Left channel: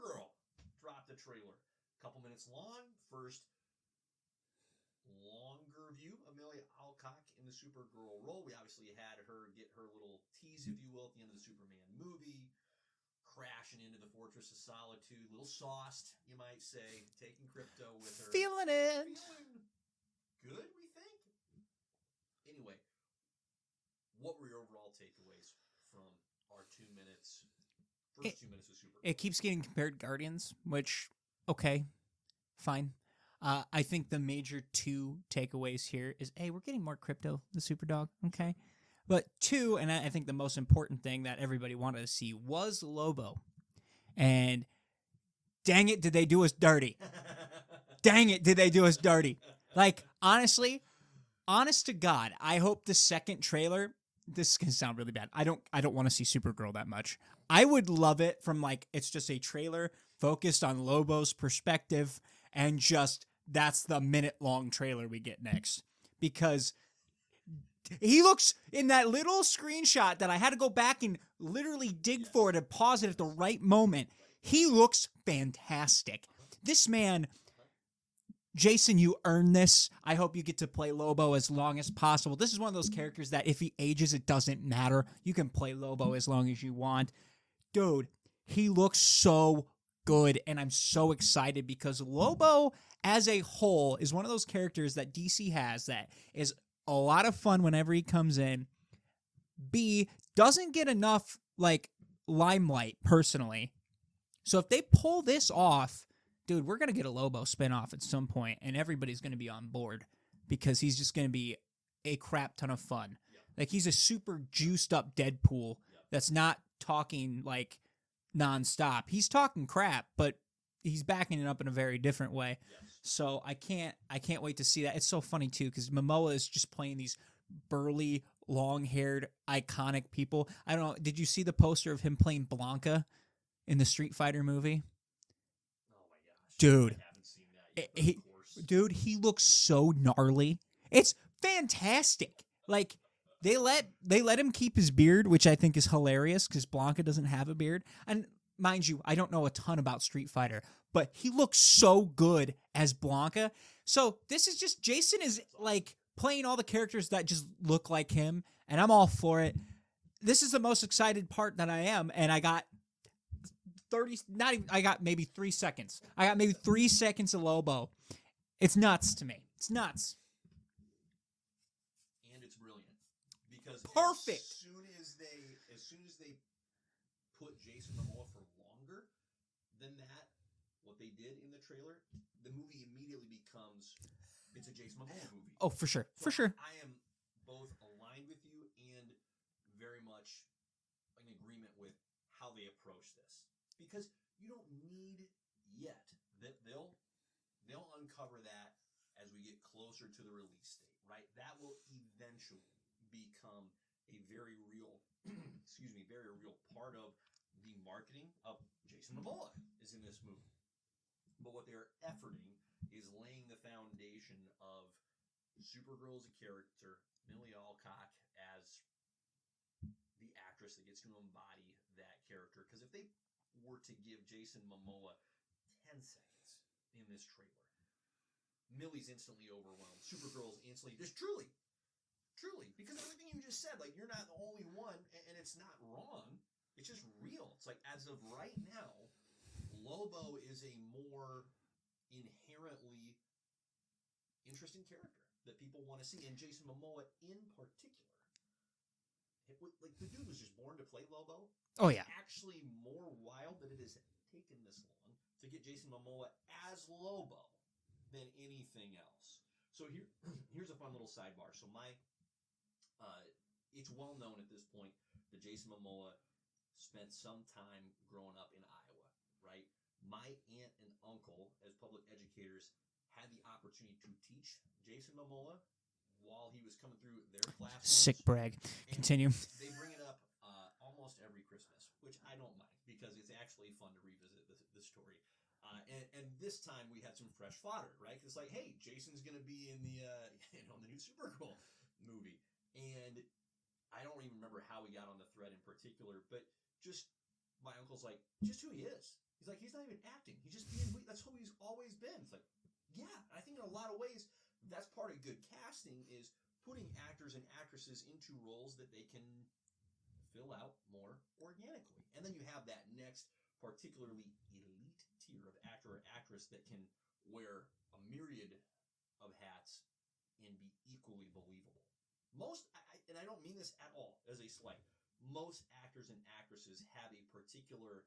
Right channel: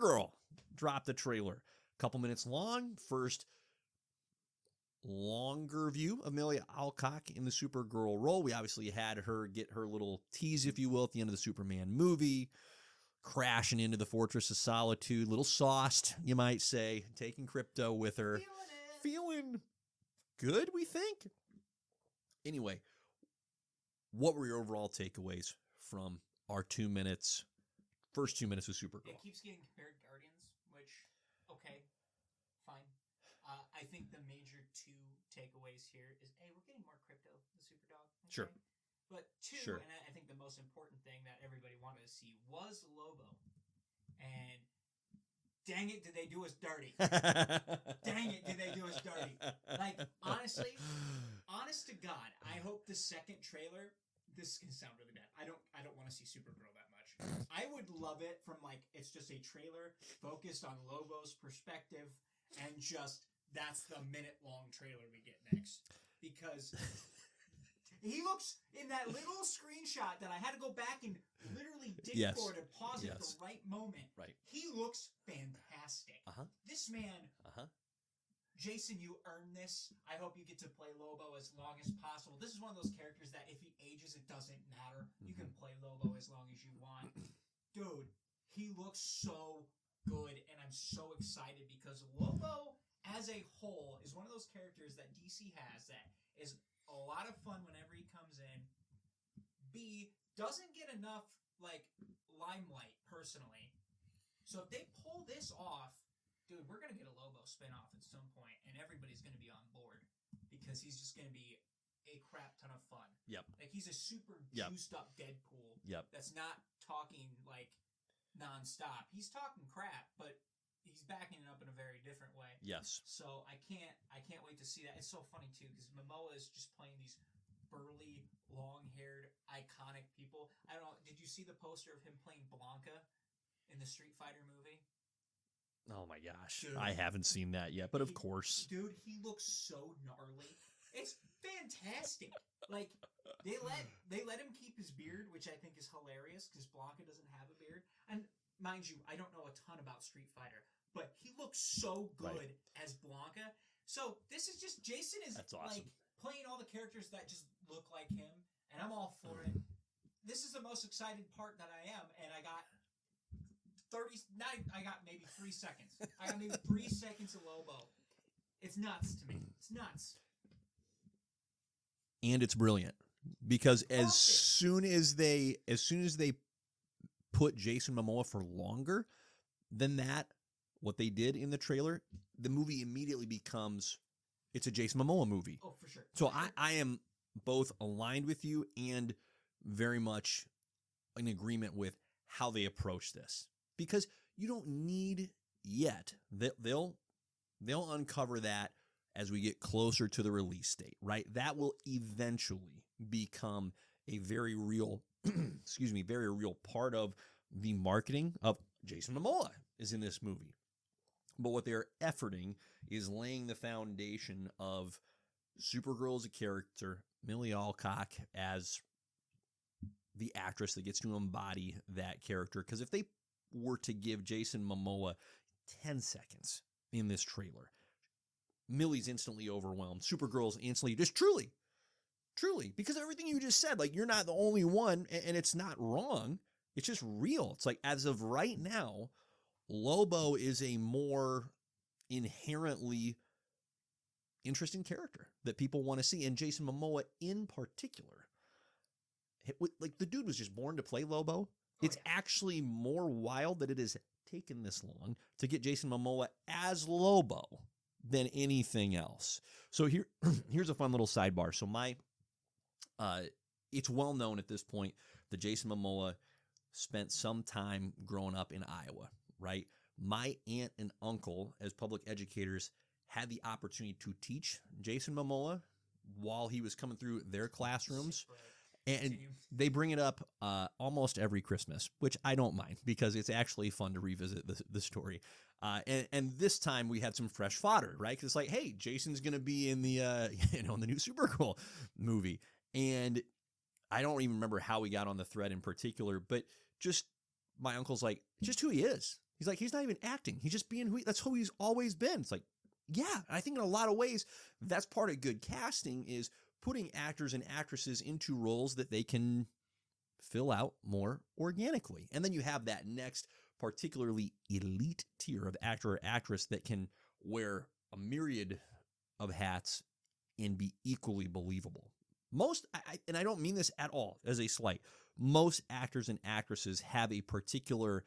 Supergirl dropped the trailer. A couple minutes long. First longer view of Amelia Alcock in the Supergirl role. We obviously had her get her little tease, if you will, at the end of the Superman movie, crashing into the Fortress of Solitude, little sauced, you might say, taking Crypto with her. Feeling it. Feeling good, we think. Anyway, what were your overall takeaways from our 2 minutes, first 2 minutes of Supergirl? It keeps getting compared to Guardians, which, okay, fine. I think the major two takeaways here is, A, we're getting more Crypto, the Superdog, okay? Sure. But two, Sure. and I think the most important thing that everybody wanted to see was Lobo. And dang it, did they do us dirty. Dang it, did they do us dirty. Like, honestly, honest to God, I hope the second trailer, this is going to sound really bad. I don't want to see Supergirl that much. I would love it from, like, it's just a trailer focused on Lobo's perspective, and just that's the minute-long trailer we get next. Because he looks, in that little screenshot that I had to go back and literally dig Yes. for to pause it at the Yes. right moment, Right. he looks fantastic. Uh-huh. This man, Uh-huh. Jason, you earned this. I hope you get to play Lobo as long as possible. This is one of those characters that if he ages, it doesn't matter. You can play Lobo as long as you want. Dude, he looks so good, and I'm so excited because Lobo as a whole is one of those characters that DC has that is a lot of fun whenever he comes in. B, doesn't get enough, like, limelight personally. So if they pull this off, dude, we're going to get a Lobo spinoff at some point, and everybody's going to be on board because he's just going to be a crap ton of fun. Yep. Like, he's a super juiced up Deadpool Yep. that's not talking, like, nonstop. He's talking crap, but he's backing it up in a very different way. Yes. So I can't wait to see that. It's so funny too because Momoa is just playing these burly, long-haired, iconic people. I don't know. Did you see the poster of him playing Blanca in the Street Fighter movie? Oh my gosh. Dude. I haven't seen that yet, but He- of course. Dude, he looks so gnarly. It's fantastic. Like they let him keep his beard, which I think is hilarious because Blanca doesn't have a beard. And mind you, I don't know a ton about Street Fighter, but he looks so good as Blanca. So this is just Jason is That's awesome. like playing all the characters that just look like him, and I'm all for it. This is the most excited part that I am, and I got 30, not even, I got maybe 3 seconds. I got maybe 3 seconds of Lobo. It's nuts to me. It's nuts. And it's brilliant because as Perfect. soon as they put Jason Momoa for longer than that, what they did in the trailer, the movie immediately becomes it's a Jason Momoa movie. Oh, for sure. So For sure. I am both aligned with you and very much in agreement with how they approach this because you don't need yet. They'll uncover that as we get closer to the release date, right? That will eventually become a very real, very real part of the marketing of Jason Momoa is in this movie. But what they're efforting is laying the foundation of Supergirl as a character, Millie Alcock as the actress that gets to embody that character. Because if they were to give Jason Momoa 10 seconds in this trailer, Millie's instantly overwhelmed. Supergirl's instantly just truly, because everything you just said, like you're not the only one, and it's not wrong. It's just real. It's like as of right now, Lobo is a more inherently interesting character that people want to see, and Jason Momoa in particular. Like the dude was just born to play Lobo. Oh, It's yeah. actually more wild that it has taken this long to get Jason Momoa as Lobo than anything else. So here's a fun little sidebar. So it's well known at this point that Jason Momoa spent some time growing up in Iowa, right? My aunt and uncle, as public educators, had the opportunity to teach Jason Momoa while he was coming through their classrooms. Sick brag. And Continue. they bring it up almost every Christmas, which I don't mind because it's actually fun to revisit the story. And this time we had some fresh fodder, right? Because it's like, hey, Jason's going to be in the in the new Supergirl movie, and I don't even remember how we got on the thread in particular, but just my uncle's like, just who he is. He's like, he's not even acting. He's just being that's who he's always been. It's like, yeah. I think in a lot of ways, that's part of good casting is putting actors and actresses into roles that they can fill out more organically. And then you have that next particularly elite tier of actor or actress that can wear a myriad of hats and be equally believable. Most, and I don't mean this at all as a slight, most actors and actresses have a particular,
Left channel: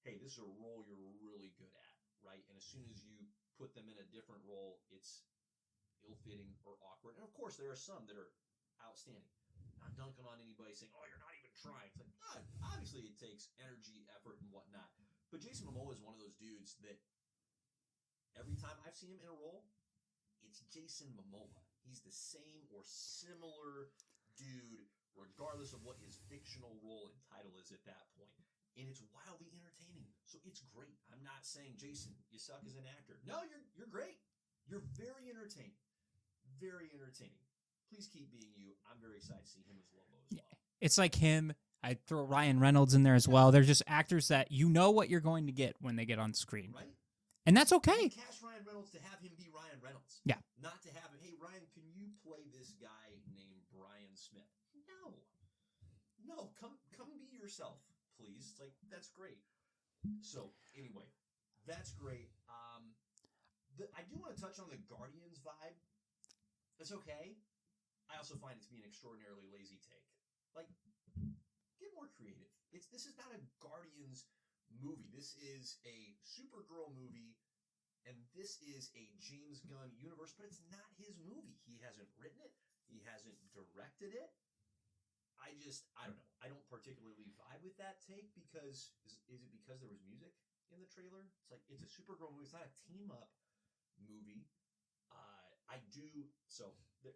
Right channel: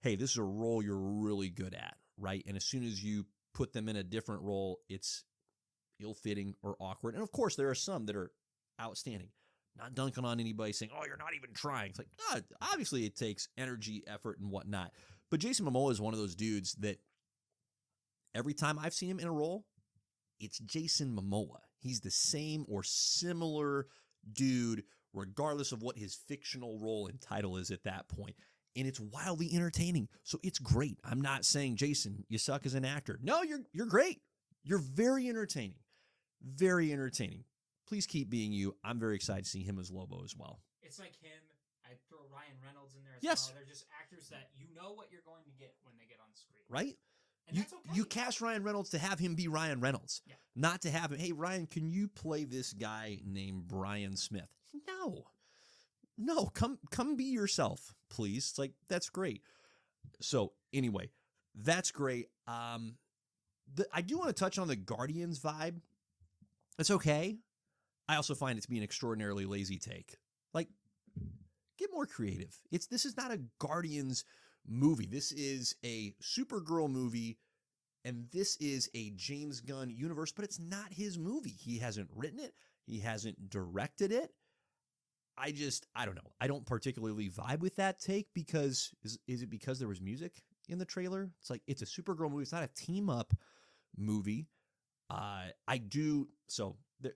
hey, this is a role you're really good at, right? And as soon as you put them in a different role, it's ill-fitting or awkward. And of course, there are some that are outstanding. Not dunking on anybody saying, oh, you're not even trying. It's like, obviously it takes energy, effort, and whatnot. But Jason Momoa is one of those dudes that every time I've seen him in a role, it's Jason Momoa. He's the same or similar dude, regardless of what his fictional role and title is at that point. And it's wildly entertaining. So it's great. I'm not saying, Jason, you suck as an actor. No, you're great. You're very entertaining. Very entertaining. Please keep being you. I'm very excited to see him as Lobo as well. It's like him. I'd throw Ryan Reynolds in there as Yes. well. They're just actors that you know what you're going to get when they get on screen. Right? And that's okay. You cast Ryan Reynolds to have him be Ryan Reynolds. Yeah. Not to have him, hey, Ryan, can you play this guy named Brian Smith? No, come be yourself, please. It's like, that's great. So anyway, that's great. I do want to touch on the Guardians vibe. It's okay. I also find it to be an extraordinarily lazy take. Like, get more creative. This is not a Guardians movie. This is a Supergirl movie, and this is a James Gunn universe, but it's not his movie. He hasn't written it. He hasn't directed it. I don't know. I don't particularly vibe with that take because, is it because there was music in the trailer? It's like, it's a Supergirl movie. It's not a team-up movie.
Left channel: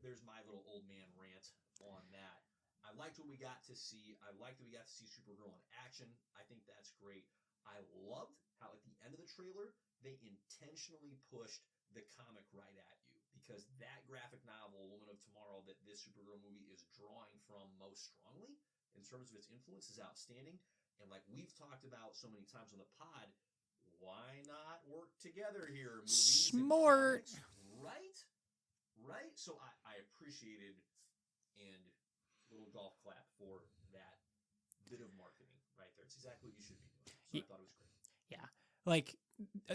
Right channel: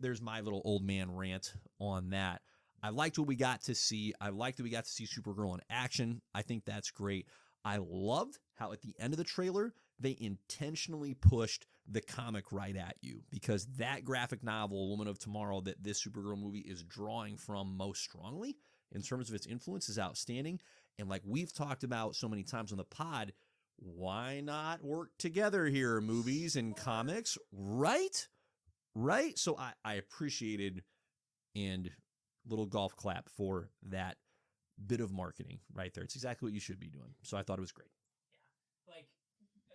There's my little old man rant on that. I liked what we got to see. I liked that we got to see Supergirl in action. I think that's great. I loved how at the end of the trailer, they intentionally pushed the comic right at you because that graphic novel, Woman of Tomorrow, that this Supergirl movie is drawing from most strongly in terms of its influence is outstanding. And like we've talked about so many times on the pod, why not work together here, movies and comics, right? Right? So I appreciated and little golf clap for that bit of marketing right there. It's exactly what you should be doing. So I thought it was great. Yeah. Like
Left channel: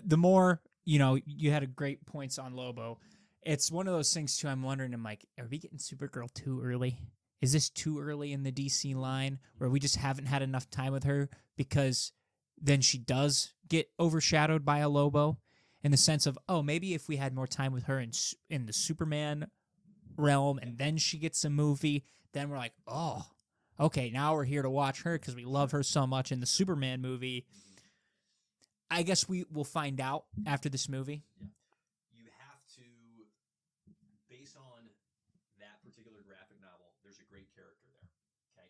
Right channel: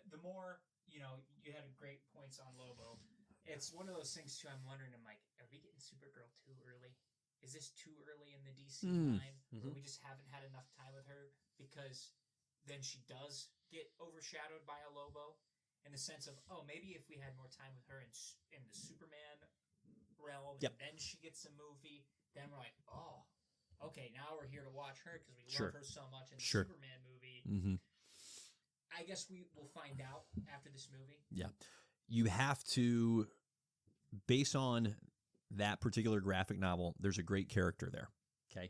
the more, you had a great points on Lobo. It's one of those things too. I'm wondering, I'm like, are we getting Supergirl too early? Is this too early in the DC line where we just haven't had enough time with her because then she does get overshadowed by a Lobo in the sense of, oh, maybe if we had more time with her in the Superman realm and then she gets a movie, then we're like, oh, okay, now we're here to watch her because we love her so much in the Superman movie. Mm-hmm. I guess we will find out after this movie. Yeah. You have to, based on that particular graphic novel, there's a great character there. Okay.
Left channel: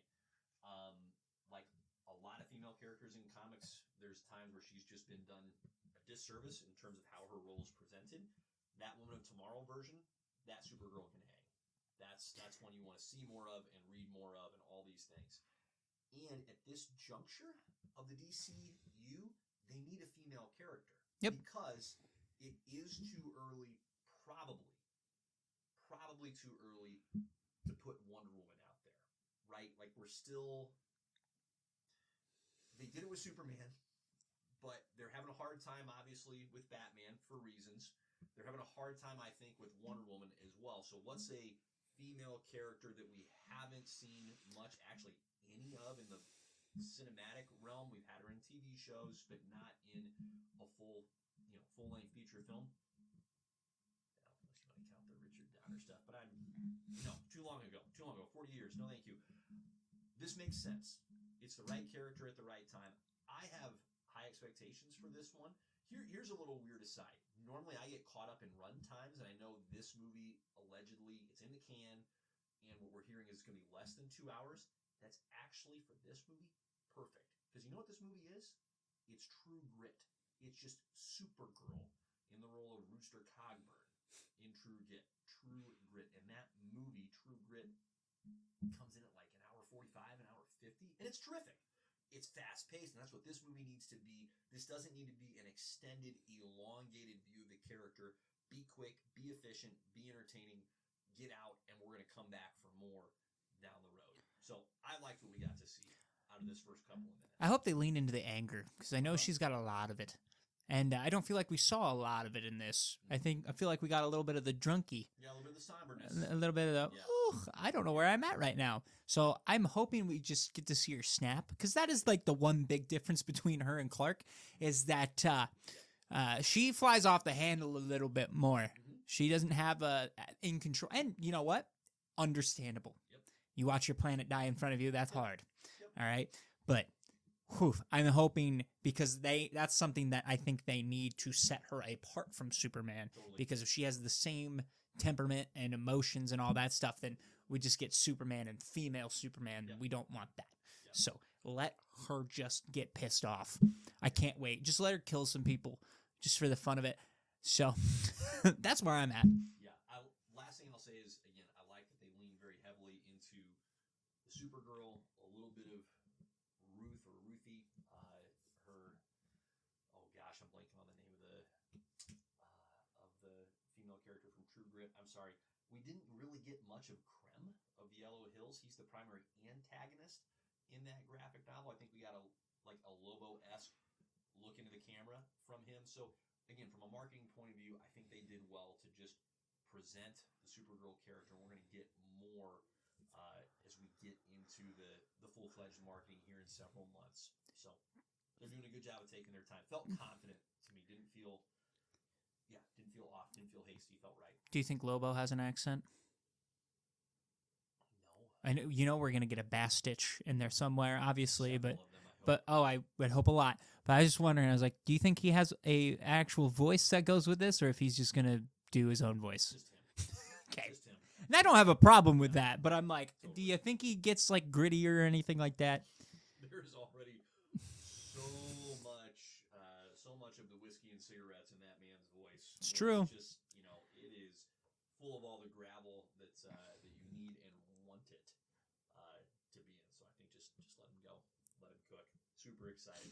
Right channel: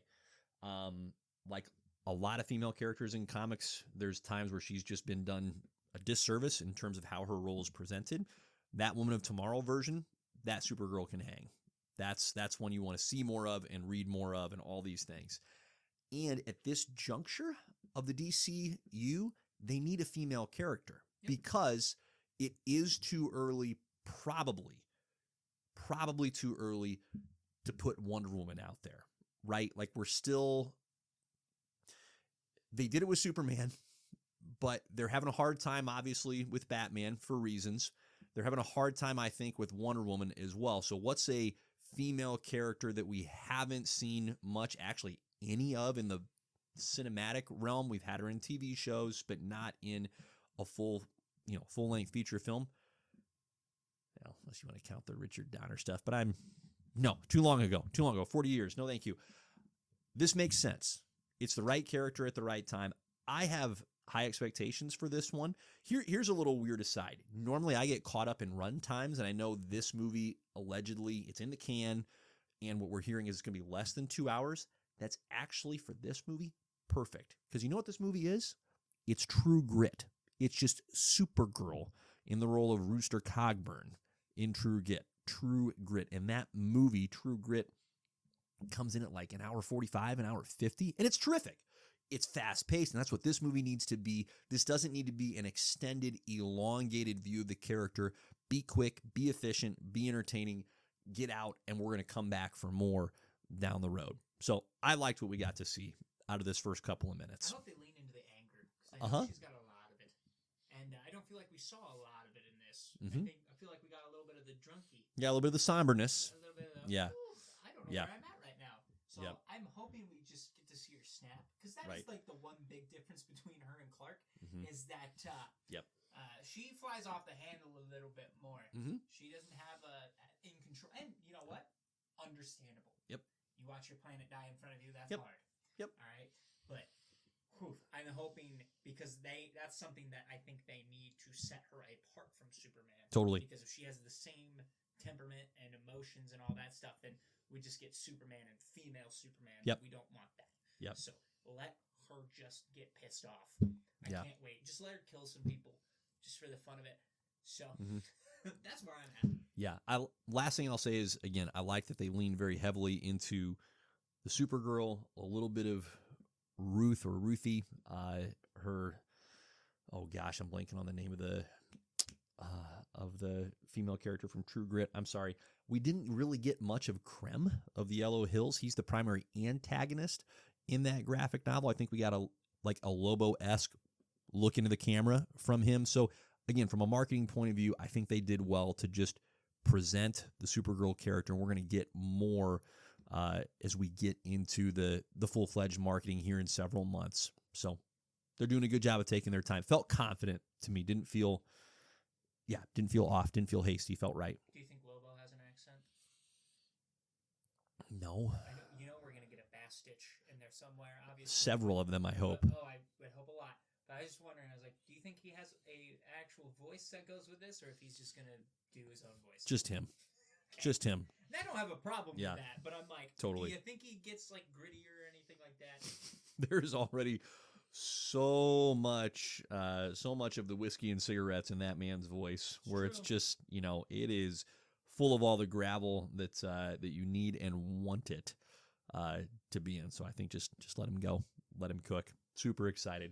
Like a lot of female characters in comics, there's times where she's just been done a disservice in terms of how her role is presented. That Woman of Tomorrow version, that Supergirl can hang. That's one you want to see more of and read more of and all these things. And at this juncture of the DCU, they need a female character because it is too early, probably too early to put Wonder Woman out there, right? Like they did it with Superman, but they're having a hard time, obviously, with Batman for reasons. They're having a hard time, I think, with Wonder Woman as well. So what's a female character that we haven't seen much, actually any of in the cinematic realm? We've had her in TV shows, but not in a full-length feature film. Well, unless you want to count the Richard Donner stuff, but too long ago, 40 years. No, thank you. This makes sense. It's the right character at the right time. I have high expectations for this one. Here's a little weird aside. Normally I get caught up in run times, and I know this movie, allegedly, it's in the can, and what we're hearing is it's going to be less than 2 hours. That's actually, for this movie, perfect. Because you know what this movie is? It's True Grit. It's just Supergirl in the role of Rooster Cogburn in True Grit. And that movie, True Grit, comes in at like an hour 45, an hour 50, and it's terrific. it's fast paced, and that's what this movie needs to be. This doesn't need to be an extended, elongated view of the character. Be quick, be efficient, be entertaining, get out, and we're going to come back for more down the road. So I liked what we got to see out of this first couple of minutes. I hope they lean into the anger because I know she's got a lot of it. And I don't feel like we saw a lot of it in this. I feel like we got a little bit of the drunky. Yeah, a little bit of the somberness. A little bit of the, I don't know where I'm at right now. So I'm hoping we just get to see her snap because that is like the one big difference between her and Clark is that she flies off the handle a little bit more. She doesn't have in control. And you know what? Understandable. Yep. You watch your planet die in front of you. That's hard. Yep. All right. But I'm hoping because that's something that I think they need to set her apart from Superman. Totally. Because if she has the same temperament and emotions and all that stuff, then we just get Superman and female Superman. Yep. We don't want that. Yep. So let her just get pissed off. I can't wait. Just let her kill some people just for the fun of it. So that's where I'm at. Yeah. Last thing I'll say is, again, I like that they lean very heavily into the Supergirl, a little bit of Ruth or Ruthie, her, oh gosh, I'm blanking on the name of the female character from True Grit. I'm sorry. We didn't really get much of Krem of the Yellow Hills. He's the primary antagonist in that graphic novel. I think we got a Lobo-esque look into the camera from him. So again, from a marketing point of view, I think they did well to just present the Supergirl character, and we're going to get more as we get into the full-fledged marketing here in several months. So they're doing a good job of taking their time. Felt confident to me. Didn't feel off. Didn't feel hasty. Felt right. Do you think Lobo has an accent? No. I know, we're going to get a Bass Stitch in there somewhere, obviously. Several of them, I hope. But, I would hope a lot. But I was just wondering, I was like, do you think he has a actual voice that goes with this, or if he's just going to do his own voice? Just him. Okay. Just him. And I don't have a problem with that, but I'm like, totally. Do you think he gets like grittier or anything like that? There's already so much of the whiskey and cigarettes in that man's voice. It's where true. It's just, it is full of all the gravel that you need and want it to be in. So I think just let him go. Let him cook. Super excited.